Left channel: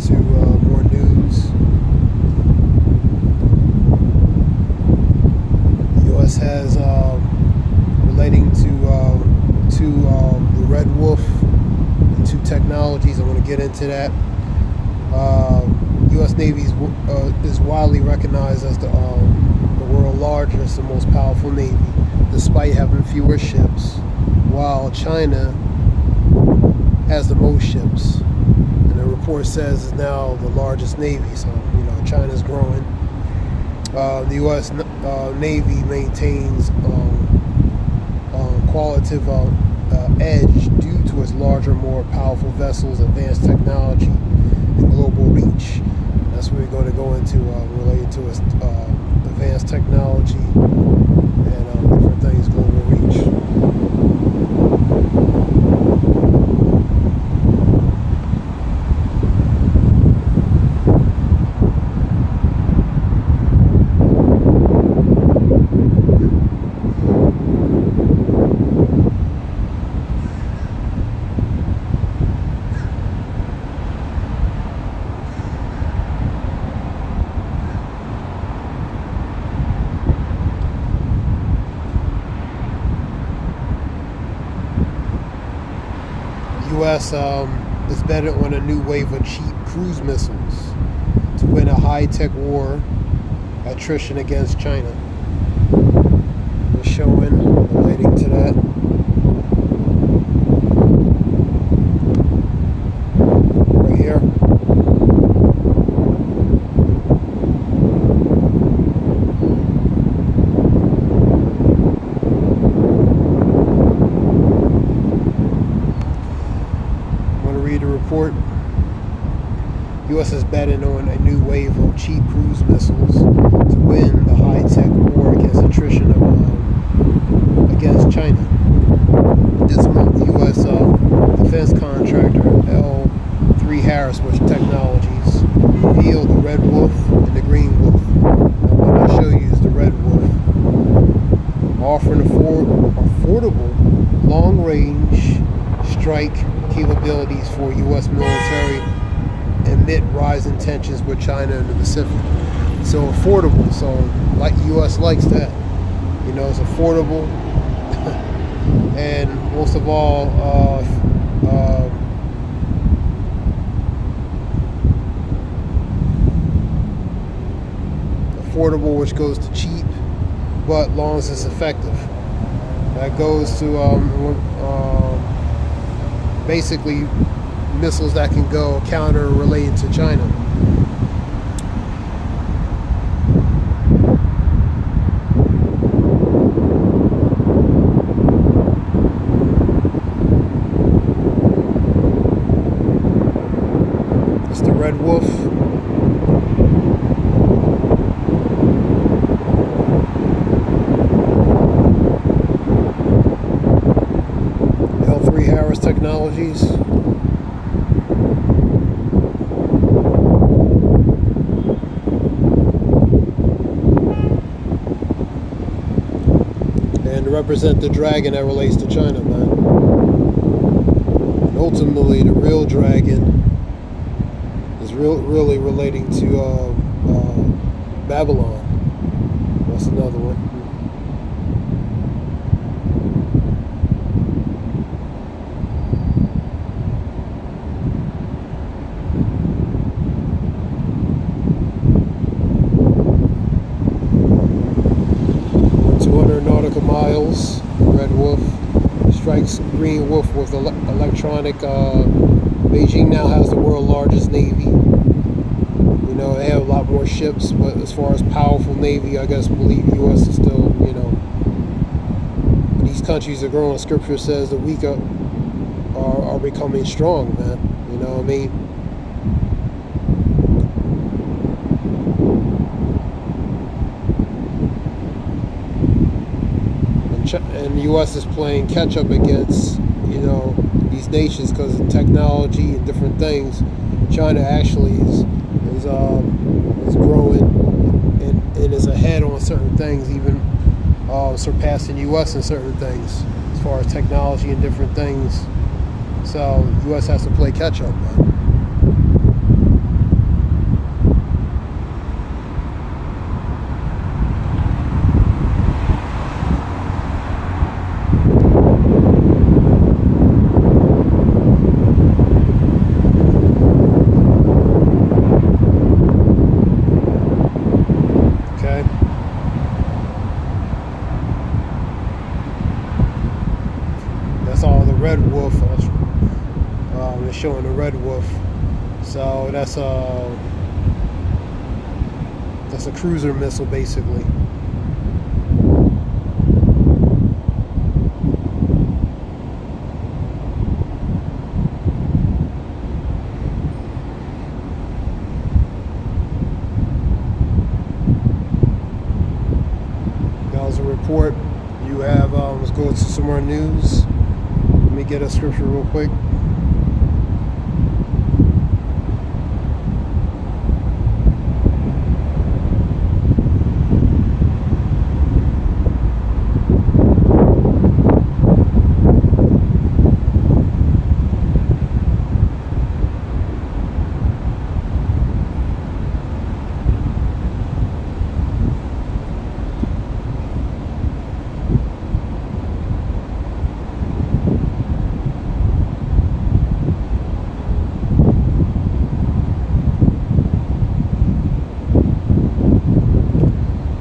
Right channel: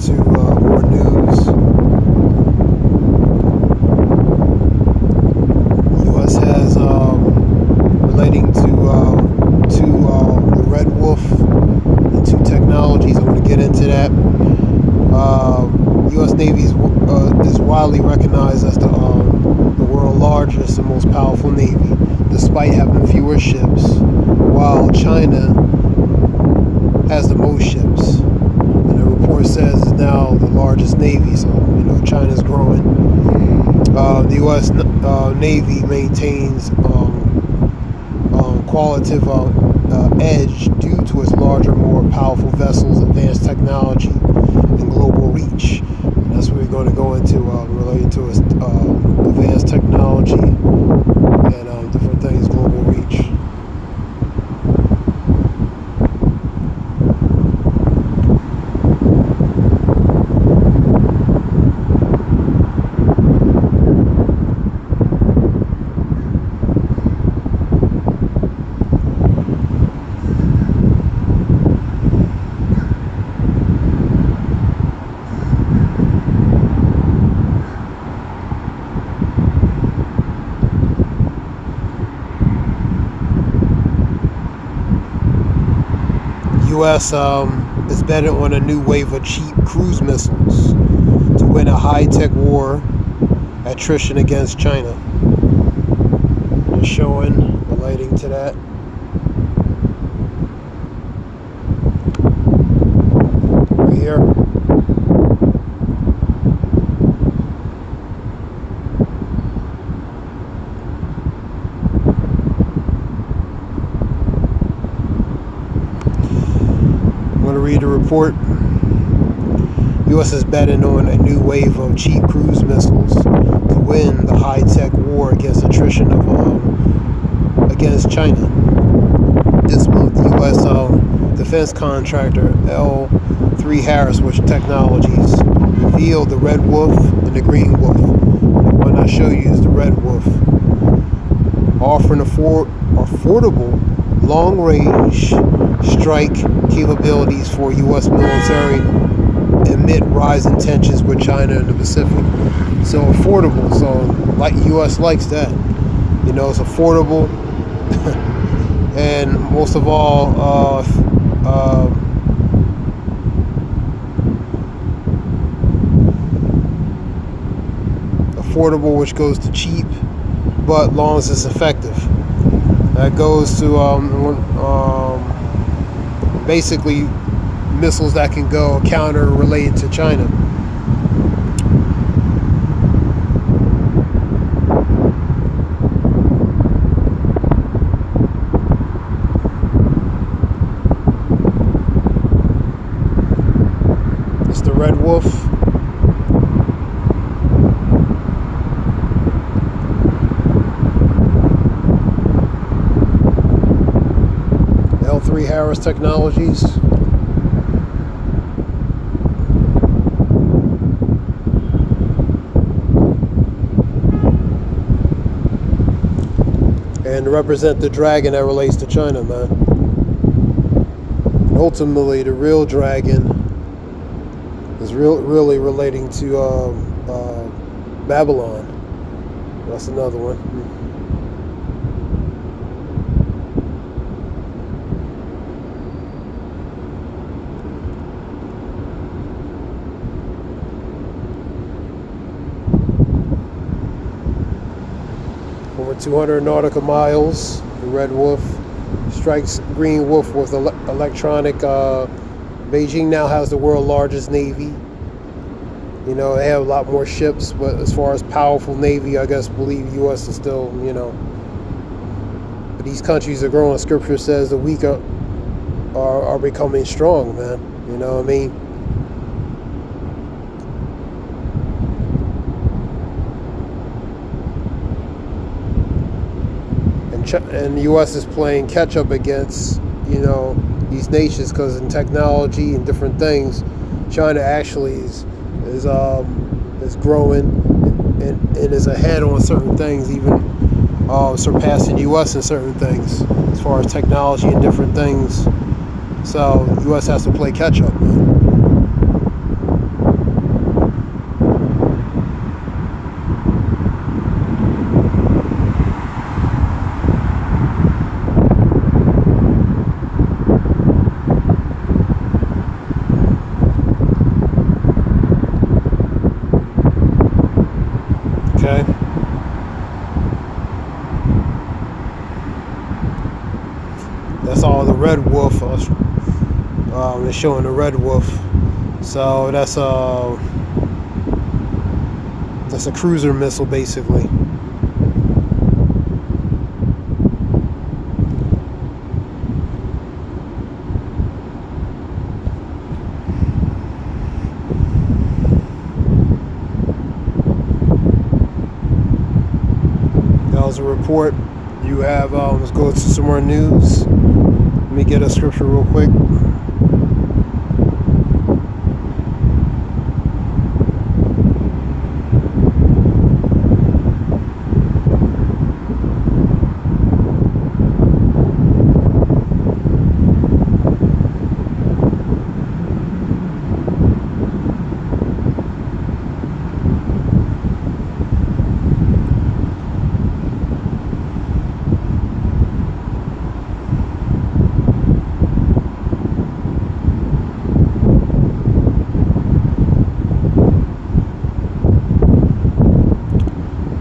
to more news. The U.S. has relating to the Red Wolf and two technologies. I'm going to get into that. U.S. Navy is widely recognized as the world's largest and most powerful Navy, despite having fewer ships, while China has the most ships. And the report says it's now the largest Navy, so China's growing. The U.S. Navy maintains qualitative edge due to its larger, more powerful vessels, advanced technology, and global reach. And that's what we're going to go into related to its advanced technology and different things, global reach. U.S. is betting on a new wave of cheap cruise missiles to win a high-tech war attrition against China. They're showing relating to that. Right here. Read the report. U.S. is betting on a new wave of cheap cruise missiles to win the high-tech war against attrition against China. This month, U.S. defense contractor L3 Harris Technologies revealed the Red Wolf and the Green Wolf. The one I show you is the Red Wolf, offering affordable long-range strike capabilities for U.S. military amid rising tensions with China in the Pacific. So affordable. So like U.S. likes that. It's affordable, and most of all, affordable, which goes to cheap, but long as it's effective. That goes to basically missiles that can go counter related to China. It's the Red Wolf. L3 Harris Technologies. And to represent the dragon that relates to China, man. And ultimately, the real dragon is really relating to Babylon. That's another one. Over 200 nautical miles, the Red Wolf strikes Green Wolf with electronic. Beijing now has the world's largest navy. They have a lot more ships, but as far as powerful navy, I believe U.S. is still, But these countries are growing. Scripture says the weak are becoming strong, man. You know what I mean? And the U.S. is playing catch up against, these nations, because in technology and different things, China actually is growing and is ahead on certain things, even surpassing U.S. in certain things as far as technology and different things. So U.S. has to play catch up, man. showing a red wolf. So that's a cruiser missile, basically. That was a report. You have, let's go to some more news. Let me get a scripture real quick.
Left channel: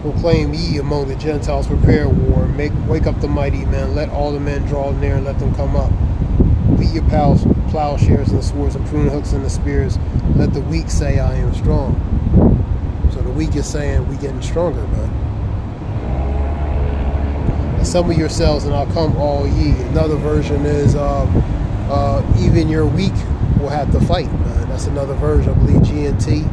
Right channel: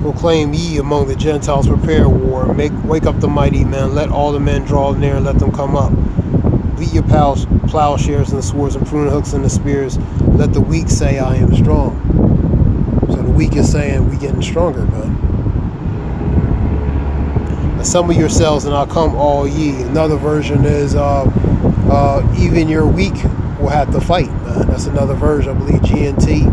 Proclaim ye among the Gentiles, prepare war, wake up the mighty men, let all the men draw near and let them come up. Beat your plowshares and the swords and pruning hooks and the spears, let the weak say, I am strong. So the weak is saying, we getting stronger, man. Assemble yourselves and I'll come all ye. Another version is, even your weak will have to fight, man. That's another version, I believe, GNT.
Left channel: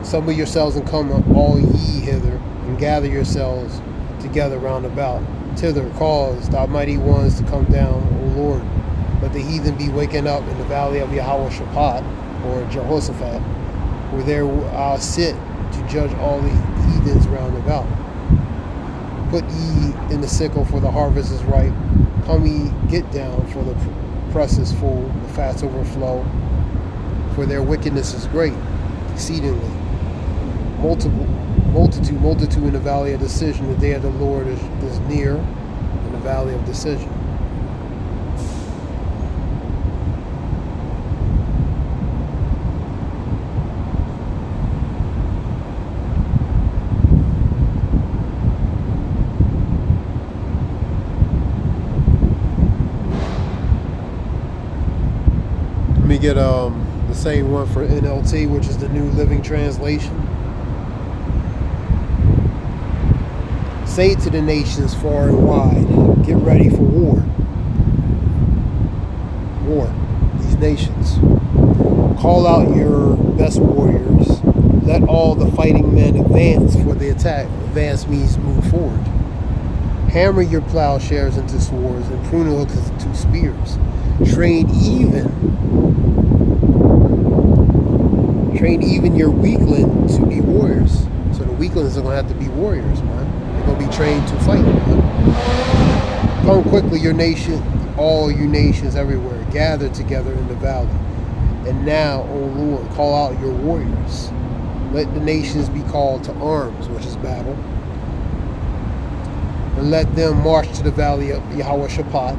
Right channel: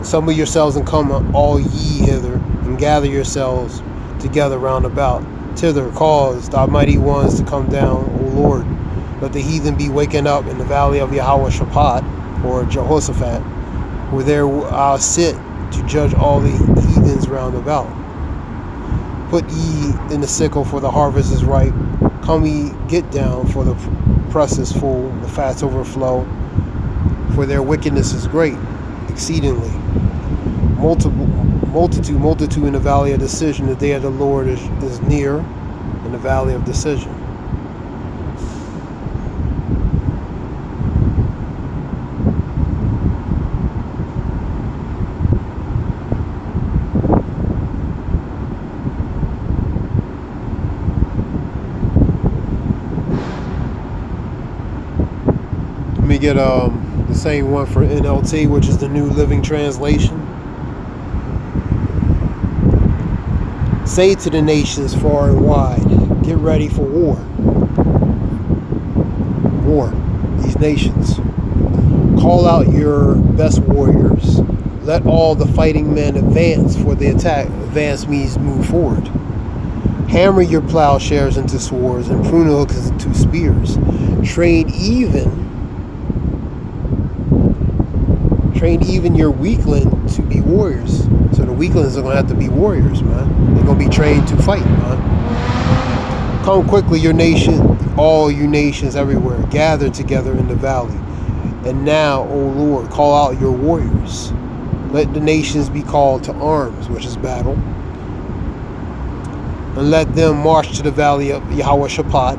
Assemble yourselves and come all ye hither, and gather yourselves together round about. Thither cause thy mighty ones to come down, O Lord. Let the heathen be waken up in the valley of Yahweh Shaphat, or Jehoshaphat, where there I'll sit to judge all the heathens round about. Put ye in the sickle, for the harvest is ripe. Come ye, get down, for the press is full, the fats overflow. For their wickedness is great, exceedingly. Multitude in the valley of decision. The day of the Lord is near in the valley of decision. Let me get the same one for NLT, which is the New Living Translation. Say to the nations far and wide, get ready for war. War, these nations. Call out your best warriors. Let all the fighting men advance for the attack. Advance means move forward. Hammer your plowshares into swords and pruning hooks into spears. Train even your weakling to be warriors. So the weaklings are going to have to be warriors, man. They're going to be trained to fight, man. Come quickly, your nation, all you nations everywhere, gather together in the valley. And now, O Lord, call out your warriors. Let the nations be called to arms, which is battle. And let them march to the valley of Yahweh Shaphat.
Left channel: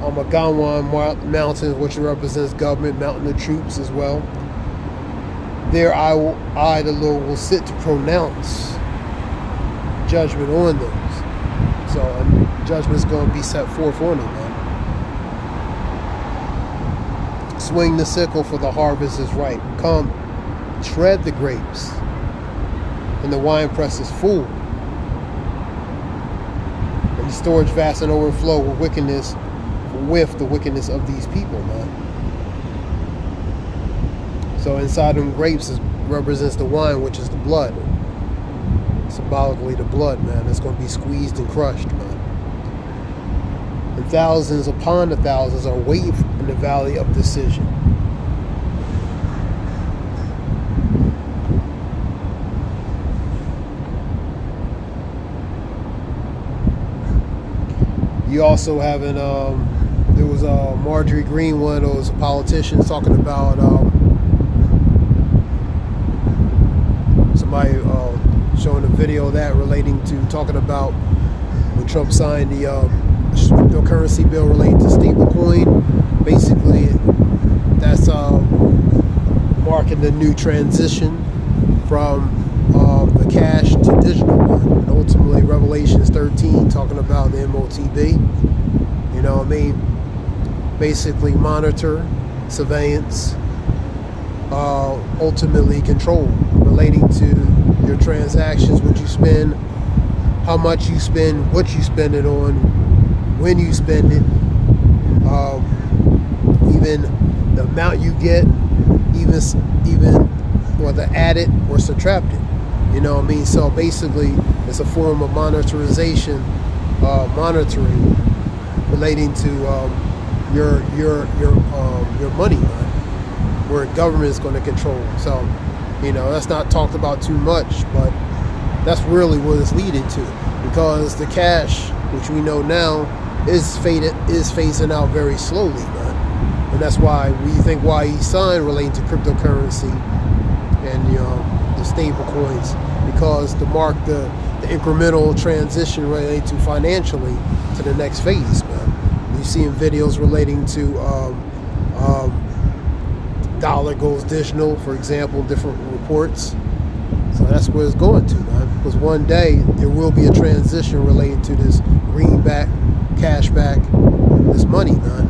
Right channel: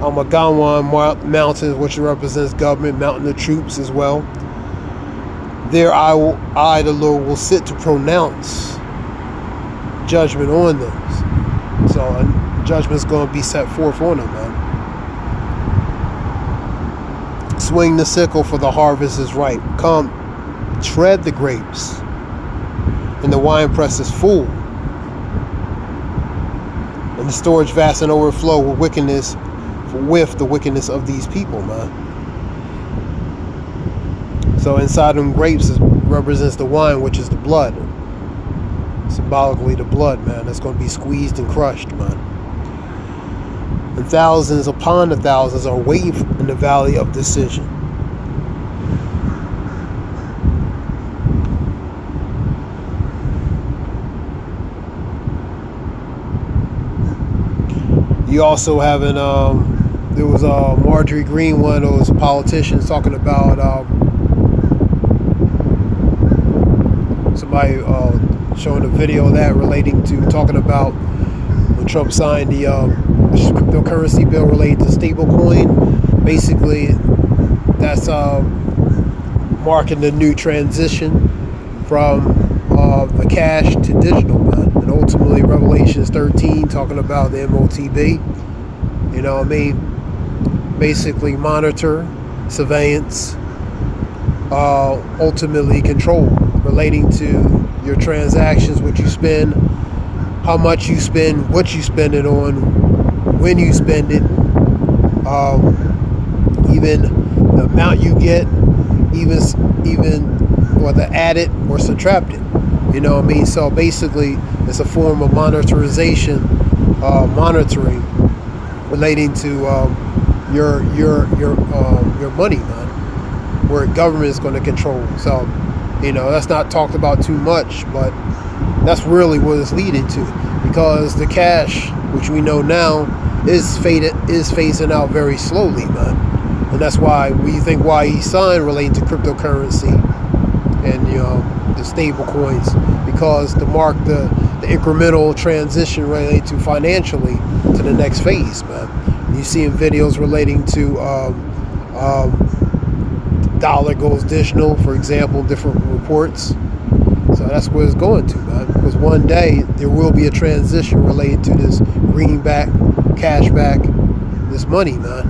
Amagawan mountain, which represents government, mountain of troops as well. There I, the Lord, will sit to pronounce judgment on them. So judgment's going to be set forth on them, man. Swing the sickle, for the harvest is ripe. Come, tread the grapes, and the winepress is full. And the storage vast and overflow with the wickedness of these people, man. So inside them grapes represents the wine, which is the blood. Symbolically the blood, man. That's going to be squeezed and crushed, man. And thousands upon the thousands are waiting in the valley of decision. You also have there was Marjorie Green, one of those politicians, talking about somebody showing a video of that relating to talking about when Trump signed the cryptocurrency bill relating to stablecoin. Basically, that's marking the new transition from the cash to digital, man. And ultimately Revelations 13 talking about the MOTB. You know what I mean? Basically monitor, surveillance, ultimately control relating to your transactions, what you spend, how much you spend, what you spend it on, when you spend it, even the amount you get, even whether added or subtracted. You know what I mean? So basically, it's a form of monitoring relating to your money, man, where government is going to control. So, you know, that's not talked about too much, but that's really what it's leading to, because the cash, which we know now, is phasing out very slowly, man. And that's why we think why he signed relating to cryptocurrency and the stable coins, because to mark the incremental transition related to financially to the next phase, man. You see in videos relating to dollar goes digital, for example, different reports. So that's where it's going to, man. Because one day there will be a transition related to this greenback, cashback, this money, man.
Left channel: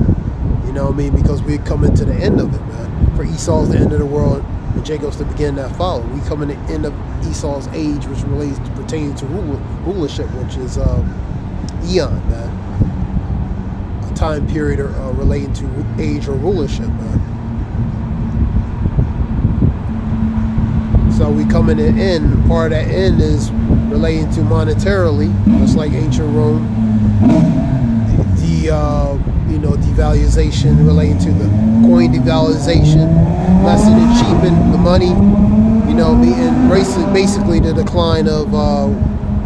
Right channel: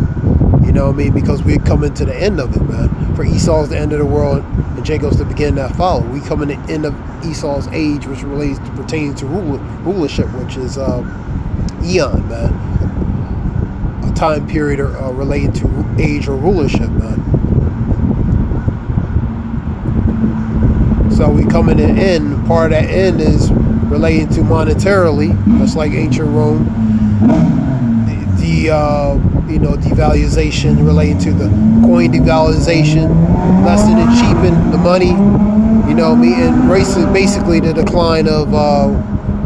You know what I mean? Because we're coming to the end of it, man. For Esau's the end of the world, and Jacob's the beginning that follow. We come in the end of Esau's age, which relates to pertaining to rulership, which is Eon, man. A time period relating to age or rulership, man. So we come in the end. Part of that end is relating to monetarily, just like ancient Rome. Devaluation relating to the coin devaluation, lessen and cheapen the money. You know me, and basically the decline of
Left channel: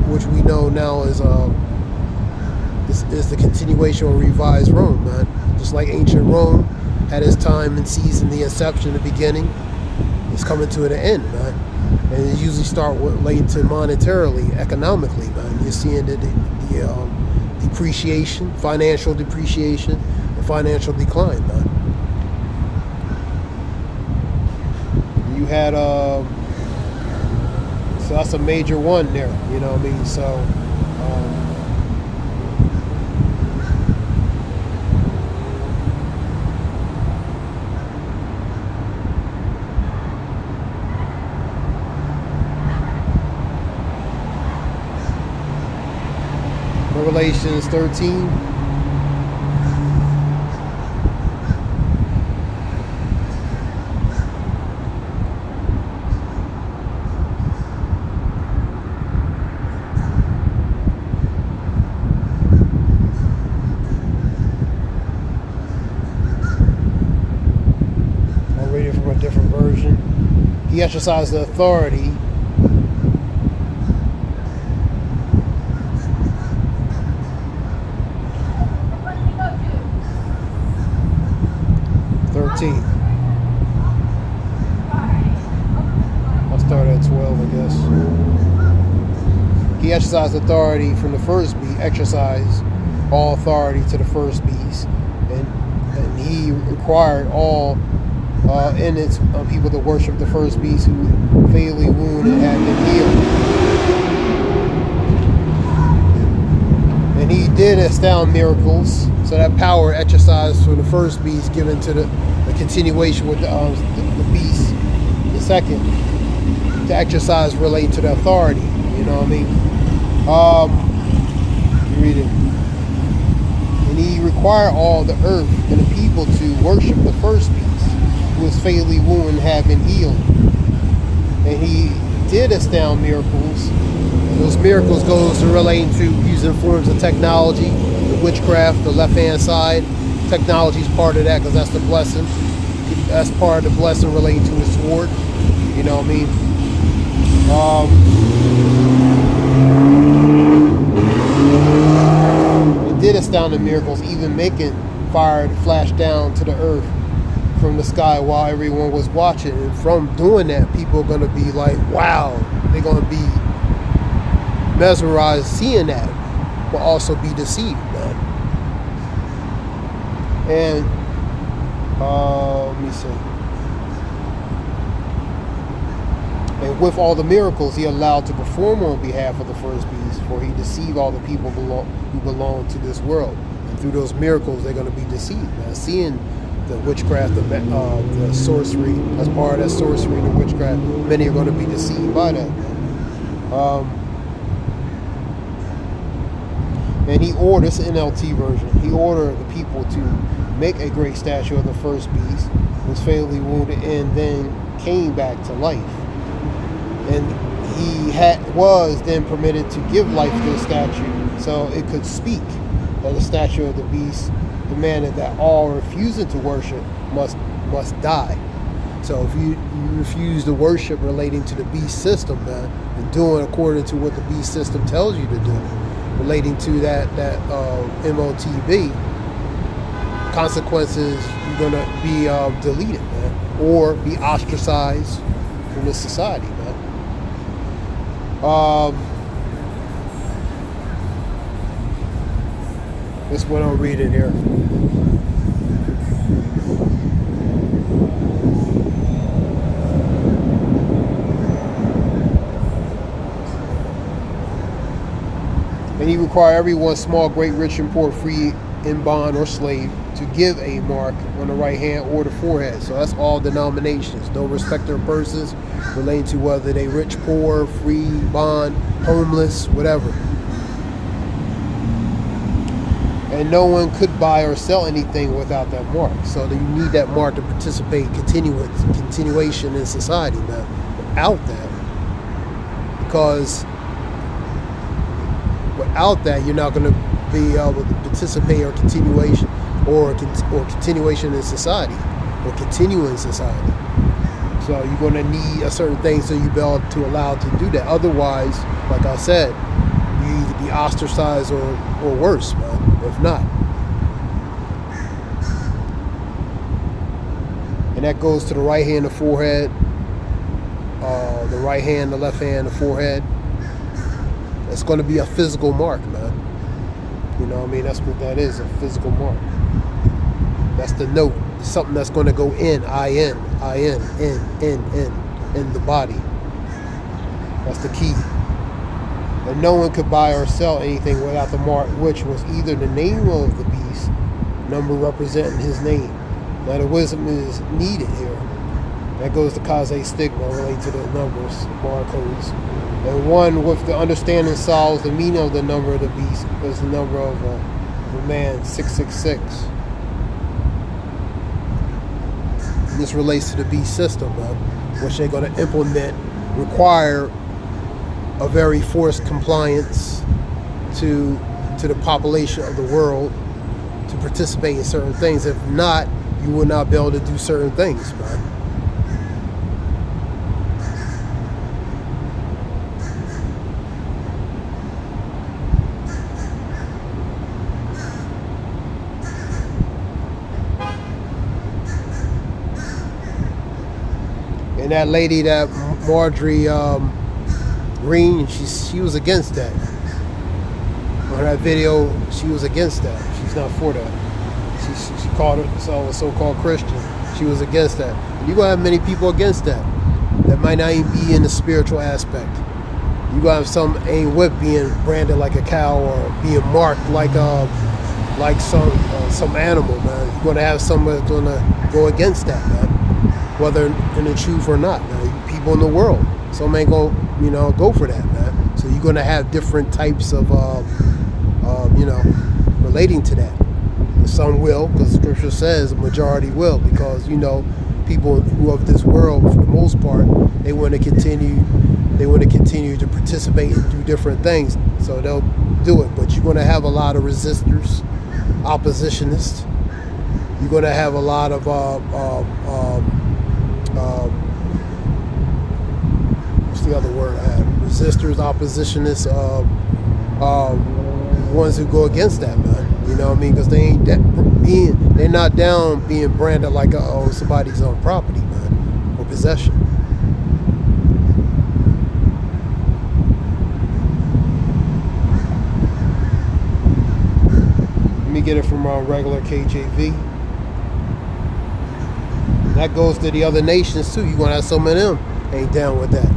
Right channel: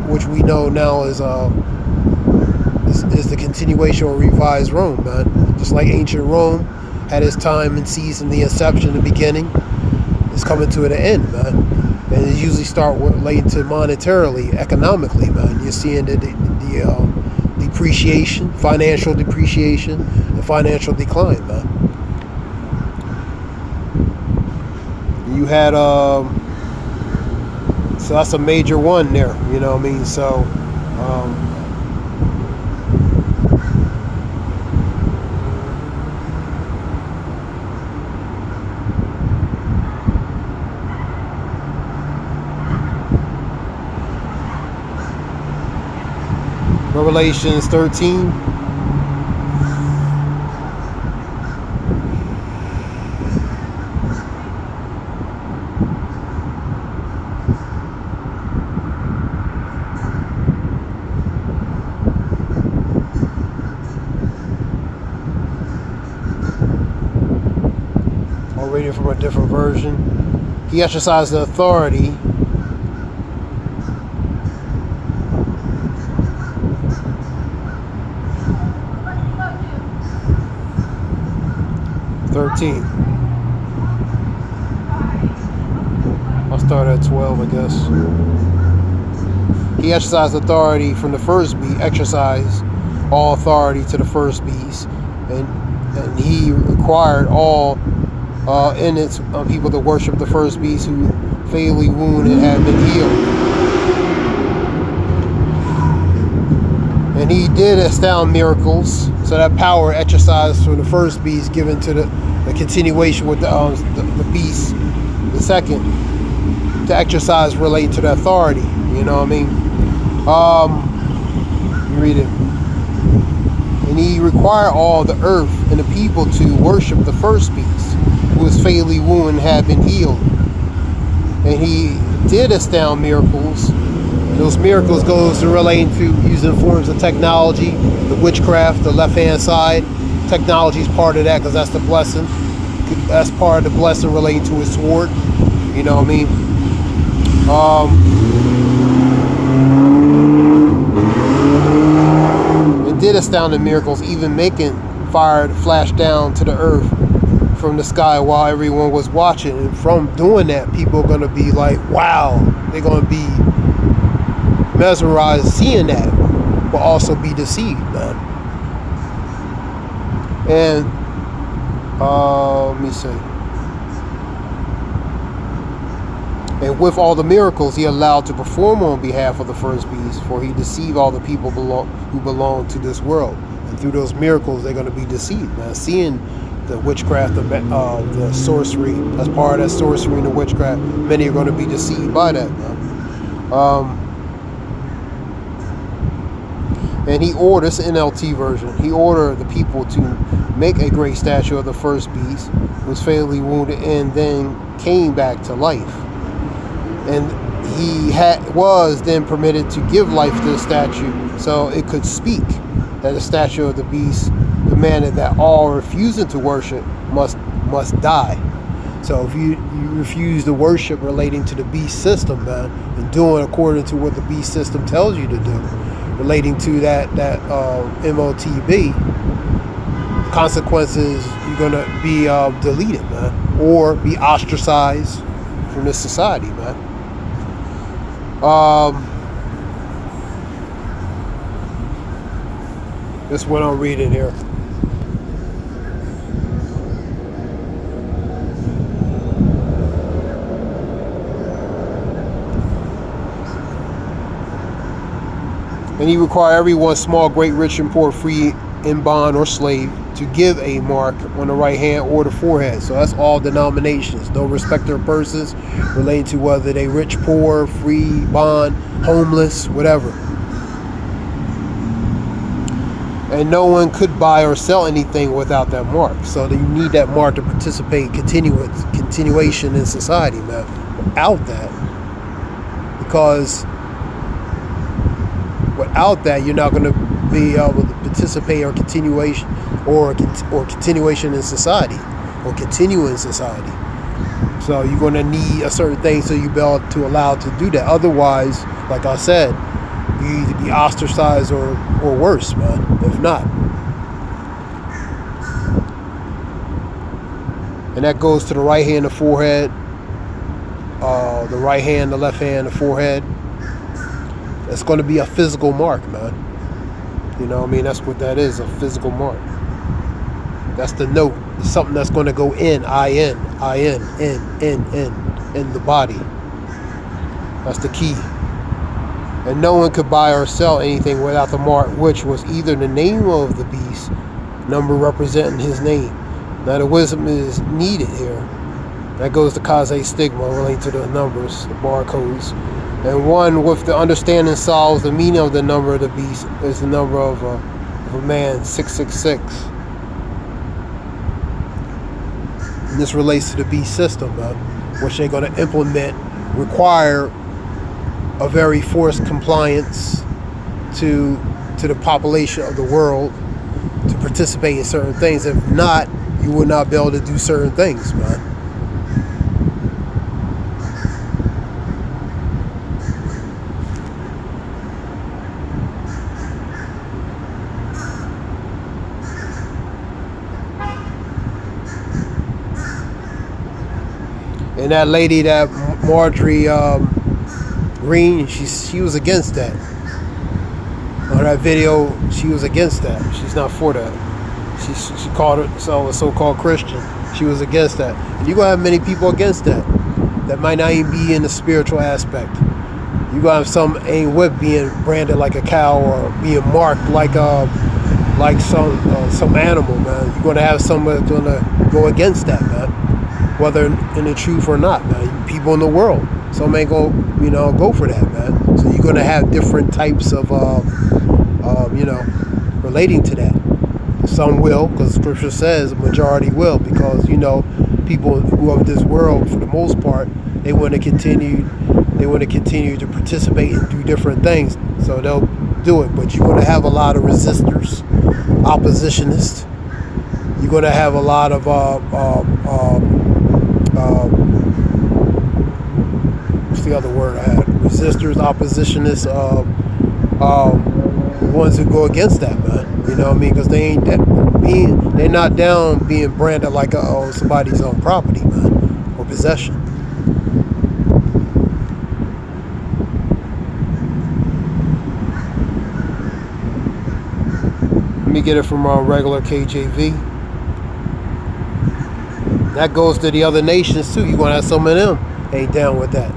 which we know now is the continuation or revised Rome, man. Just like ancient Rome had its time and season, the inception, the beginning. It's coming to an end, man. And it usually start relating to monetarily, economically, man. You're seeing the depreciation, financial depreciation, and financial decline, man. You had so that's a major one there, you know what I mean? So Revelations 13. I'm reading from a different version. He exercised the authority . 13. I'll start at 12, I guess. He exercised authority from the first beast, exercised all authority to the first beast, and he required all in its people to worship the first beast who fatally wounded had been healed. And he did astound miracles. So that power exercised from the first beast given to the continuation with the beast, the second, to exercise relating to the authority. You know what I mean? You read it. And he required all the earth and the people to worship the first beast, who was fatally wounded and had been healed. And he did astound miracles. And those miracles goes to relating to using forms of technology, the witchcraft, the left-hand side. Technology is part of that because that's the blessing. That's part of the blessing relating to his sword. You know what I mean? It did astounding miracles, even making fire flash down to the earth from the sky while everyone was watching. And from doing that, people are going to be like, wow. They're going to be mesmerized seeing that, but also be deceived, man. And let me see. And with all the miracles he allowed to perform on behalf of the first beast, for he deceived all the people who belong to this world. And through those miracles, they're going to be deceived, man. Seeing the witchcraft, the sorcery, as part of that sorcery and the witchcraft, many are going to be deceived by that, man. And he ordered, this NLT version, he ordered the people to make a great statue of the first beast, who was fatally wounded and then came back to life. And he was then permitted to give life to the statue so it could speak. That the statue of the beast demanded that all refusing to worship must die. So if you refuse to worship relating to the beast system, man, and doing according to what the beast system tells you to do, relating to that MOTB, consequences, you're gonna be deleted, man, or be ostracized from this society, man. That's what I'm reading here. And he required everyone, small, great, rich, and poor, free, in bond, or slave, to give a mark on the right hand or the forehead. So that's all denominations. No respecter of persons relating to whether they rich, poor, free, bond, homeless, whatever. And no one could buy or sell anything without that mark. So you need that mark to participate, continuation in society, man. Without that, because without that, you're not going to be able to participate or continuation in society, or continue in society. So you're going to need a certain thing so you be able to allow to do that. Otherwise, like I said, you either be ostracized or worse, man, if not. And that goes to the right hand, the forehead, the right hand, the left hand, the forehead. It's going to be a physical mark, man. You know what I mean? That's what that is, a physical mark. That's the note. Something that's going to go in the body. That's the key. And no one could buy or sell anything without the mark, which was either the name of the beast, number representing his name. Now the wisdom is needed here. That goes to cause a stigma relating to the numbers, the barcodes. And one with the understanding solves the meaning of the number of the beast is the number of a man, 666. And this relates to the beast system, which they're going to implement, require a very forced compliance to the population of the world to participate in certain things. If not, you will not be able to do certain things, man. And that lady, that Marjorie Green, she was against that. On that video, she was against that. She's not for that. She called herself a so-called Christian. She was against that. And you're going to have many people against that might not even be in the spiritual aspect. You're going to have some ain't with being branded like a cow or being marked like some animal, man. You're going to have some that's going to go against that, man. Whether in the truth or not, man. People in the world, some ain't go for that, man. So you're gonna have different types of, relating to that. Some will, because Scripture says a majority will, because people who are of this world, for the most part, they want to continue to participate and do different things, so they'll do it. But you're gonna have a lot of resistors, oppositionists. You're gonna have a lot of what's the other word I had? Resistors, oppositionists, ones who go against that, man. You know what I mean? Because they're not down being branded like somebody's own property, man, or possession. Let me get it from our regular KJV. That goes to the other nations too. You're gonna have some of them ain't down with that.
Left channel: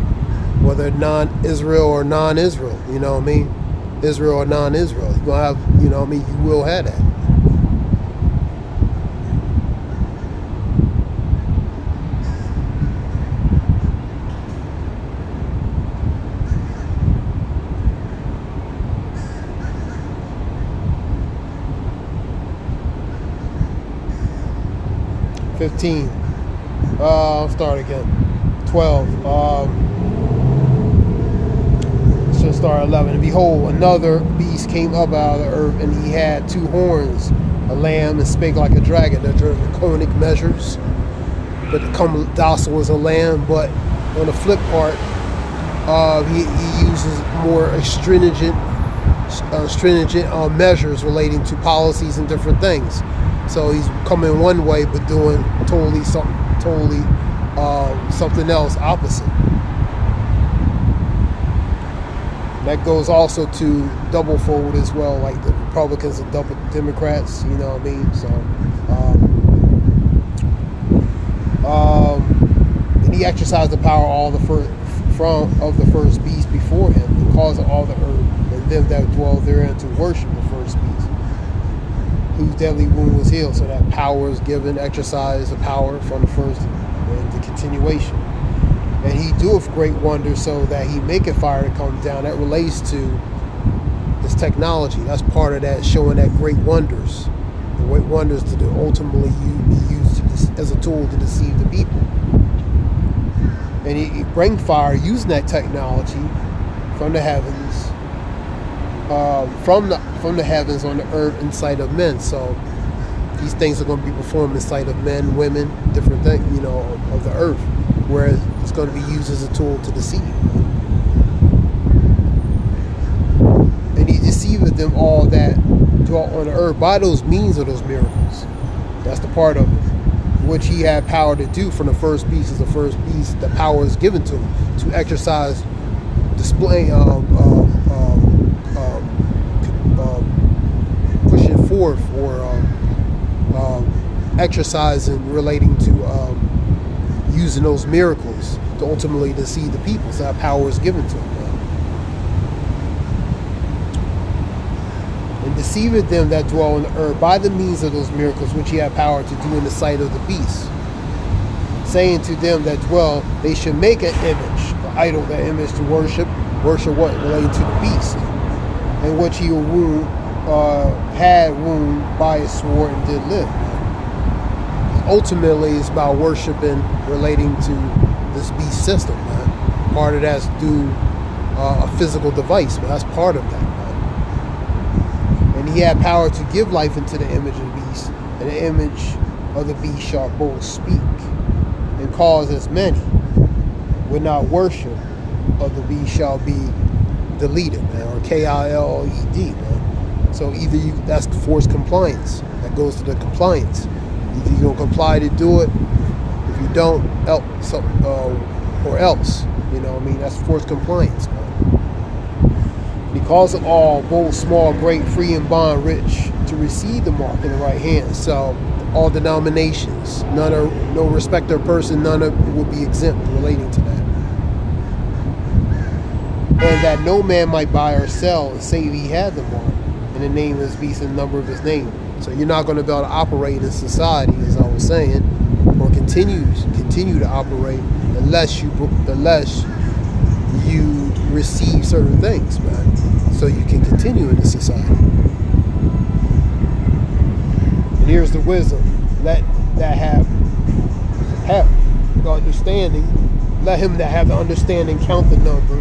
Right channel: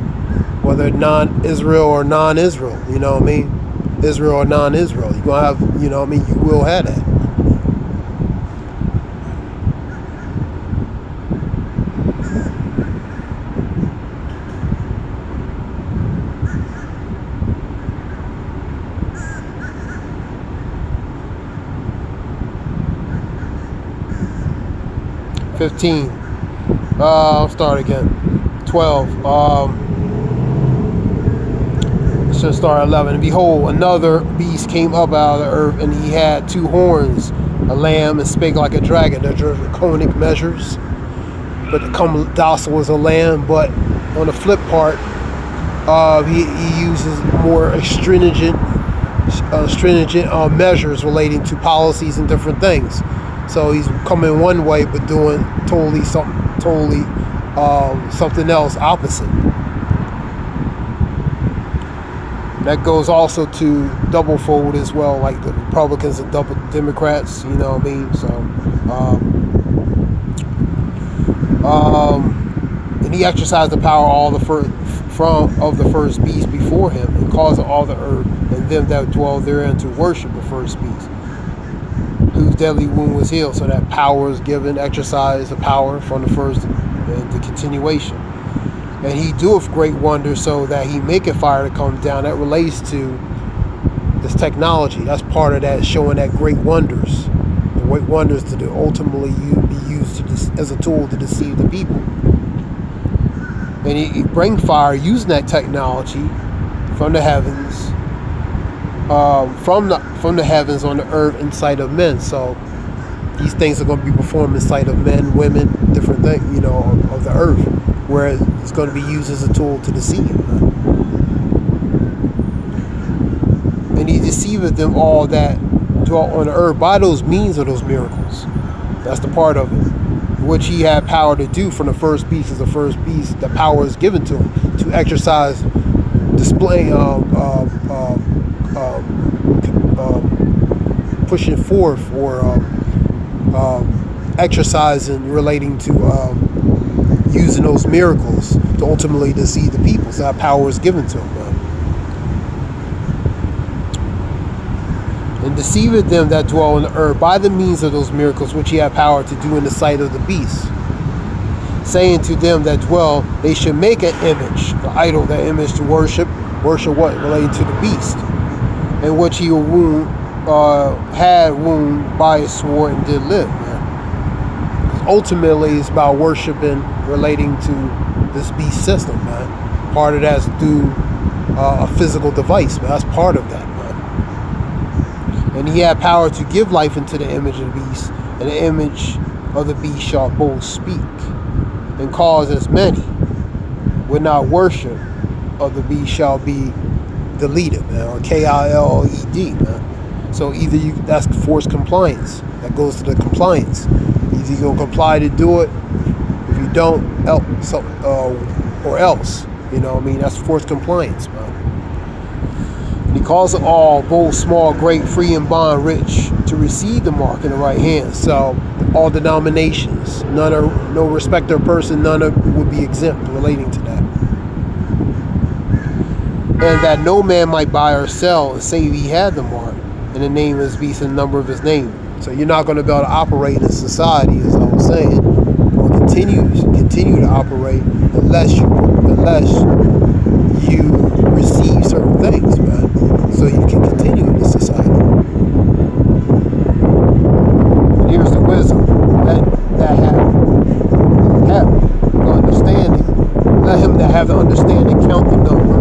whether non-Israel or non-Israel, you know what I mean? Israel or non-Israel. You're going to have, you know what I mean? You will have that. I'll start again. 12. Should start 11. And behold, another beast came up out of the earth, and he had 2 horns, a lamb, and spake like a dragon. The draconic measures, but come docile as a lamb. But on the flip part, he uses more stringent measures relating to policies and different things. So he's coming one way, but doing something else opposite. That goes also to double fold as well, like the Republicans and Democrats. You know what I mean? So, and he exercised the power all the first beast before him, and caused all the earth and them that dwell therein to worship the first beast, whose deadly wound was healed. So that power is given, exercise the power from the first and the continuation. And he doeth great wonders, so that he maketh fire to come down. That relates to this technology. That's part of that, showing that great wonders. The great wonders to ultimately be used as a tool to deceive the people. And he bring fire using that technology from the heavens, from the heavens on the earth in sight of men. So these things are going to be performed in sight of men, women, different things, you know, of the earth, where it's going to be used as a tool to deceive. And he deceiveth them all that dwell on the earth by those means of those miracles. That's the part of it, which he had power to do from the first beast. As the first beast, the power is given to him to exercise, display, pushing forth or exercising relating to using those miracles to ultimately deceive the people. So that power is given to him. And deceiveth them that dwell on the earth by the means of those miracles which he had power to do in the sight of the beast, saying to them that dwell, they should make an image, the idol, that image to worship what? Related to the beast, and which he had wound by his sword and did live. Ultimately, it's about worshiping relating to this beast system, man. Part of that's through a physical device, man. That's part of that, man. And he had power to give life into the image of the beast, and the image of the beast shall both speak, and cause as many would not worship of the beast shall be deleted, man, or KILED, man. So either that's forced compliance. That goes to the compliance. Either you're gonna comply to do it. If you don't, or else. You know what I mean? That's forced compliance, man. He calls it all, bold, small, great, free and bond, rich, to receive the mark in the right hand. So all denominations, no respecter of person, none would be exempt relating to that. And that no man might buy or sell, save he had the mark, in the name of his beast and the number of his name. So you're not going to be able to operate in society, as I was saying, or continue to operate unless you receive certain things, man, so you can continue in this society. Here's the wisdom that have the understanding. Let him that have the understanding count the number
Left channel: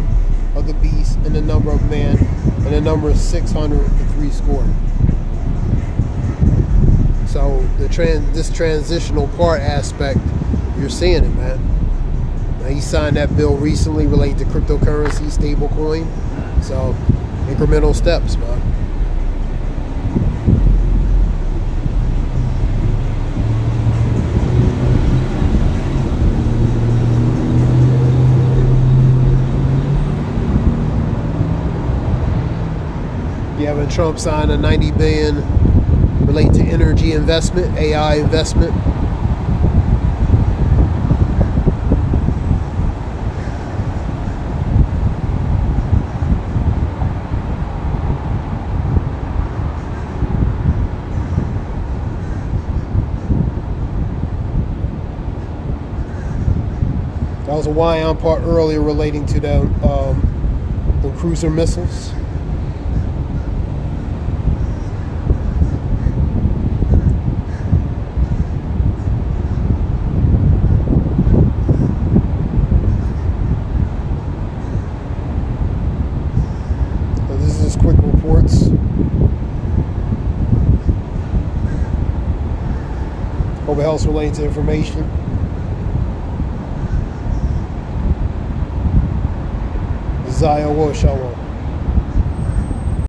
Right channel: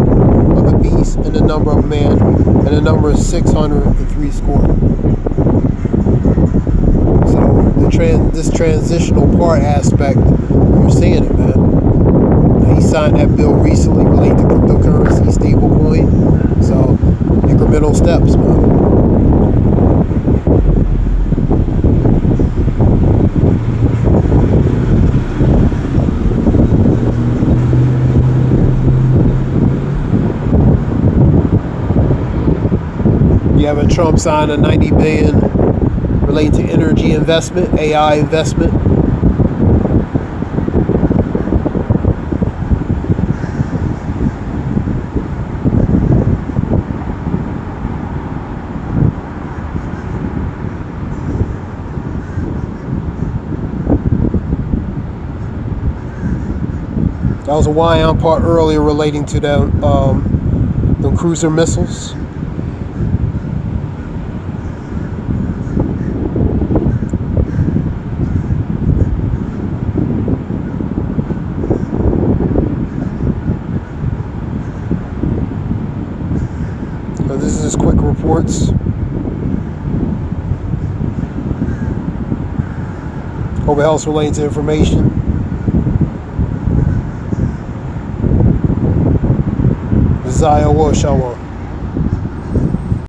of the beast and the number of man, and the number is 603 score. So this transitional part aspect, you're seeing it, man. Now, he signed that bill recently related to cryptocurrency, stablecoin. So incremental steps, man. Having Trump sign a $90 billion related to energy investment, AI investment. That was a Wion part earlier relating to the cruiser missiles. So this is just quick reports. Hope it helps relating to information. Zaya Shalom.